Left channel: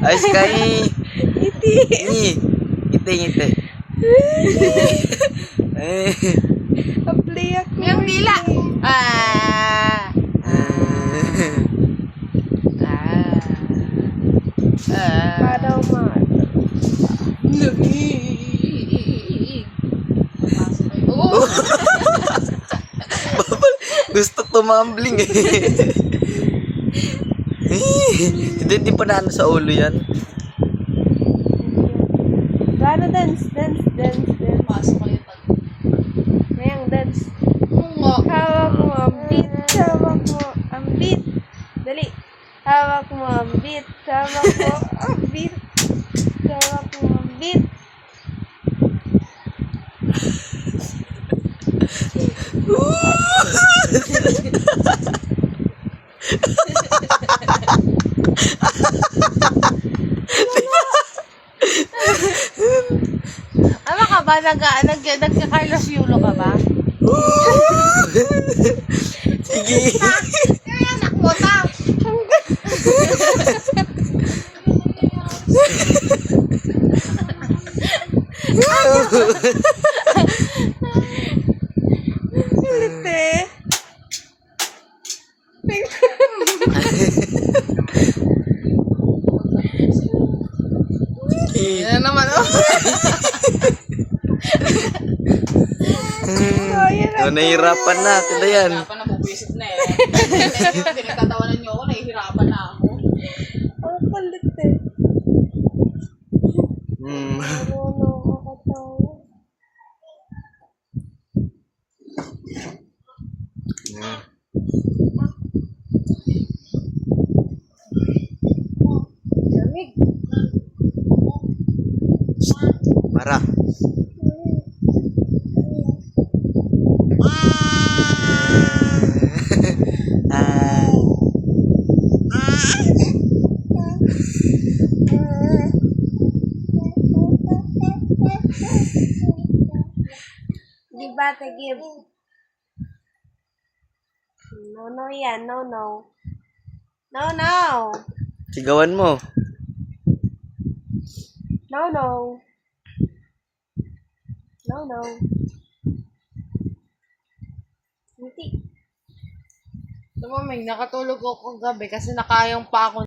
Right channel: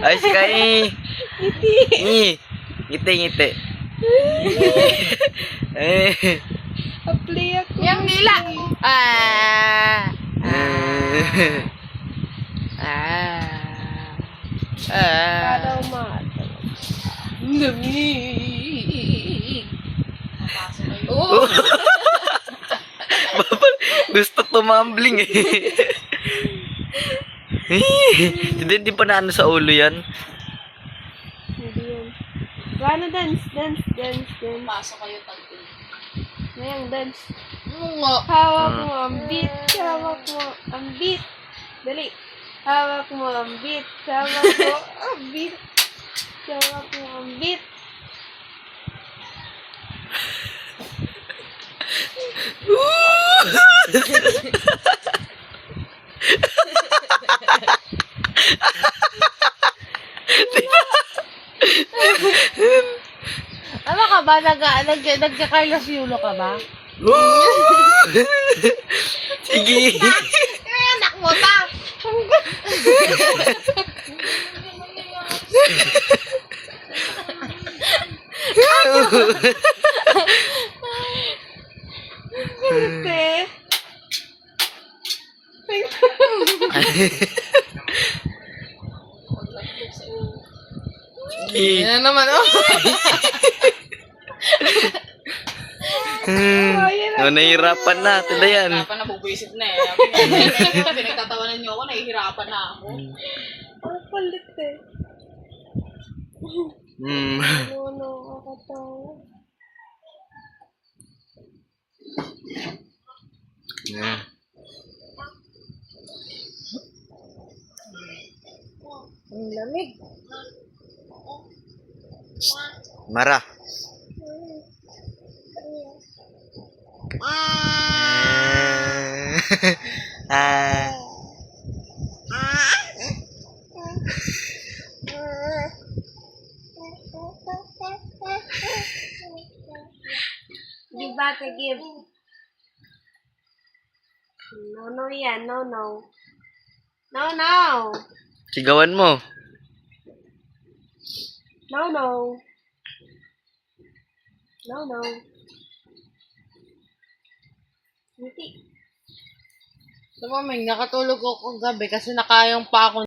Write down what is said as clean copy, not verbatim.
Ayos ka eh. Ngiti. Ngiti, ngiti. Apply ako. Yung dila. Para umat. Oo. Gusto tumambling eh. Hindi pa na ano sa ulo yan. Gana dance, dance, dance, dance. Pasok kayo pag. Ngayang dance. Oo. Hawak mo ang beat, hawak mo ang beat. Dali. Hawak mo ang beat, hawak mo ang beat. Hawak mo ang beat. Ano ka ba? Nagka-Carlos Yulo ka ba? Sige. Ay, anak mo ta. Te. Yan naman, oh. Nahihirapan na. Tila yan. Hirapan na, bubwisit na eh. Pinagtatawanan niyo ako, nahihirapan na ako. Ang kulit eh. Ano ako tayo? Lamig. Mara. Di ba, give? No, no yan. No, no. No, no. Sigawan mo. No, no. No, no. Ngiti. Tumaming, nakatulog ako gabi kasi nakayang pa ako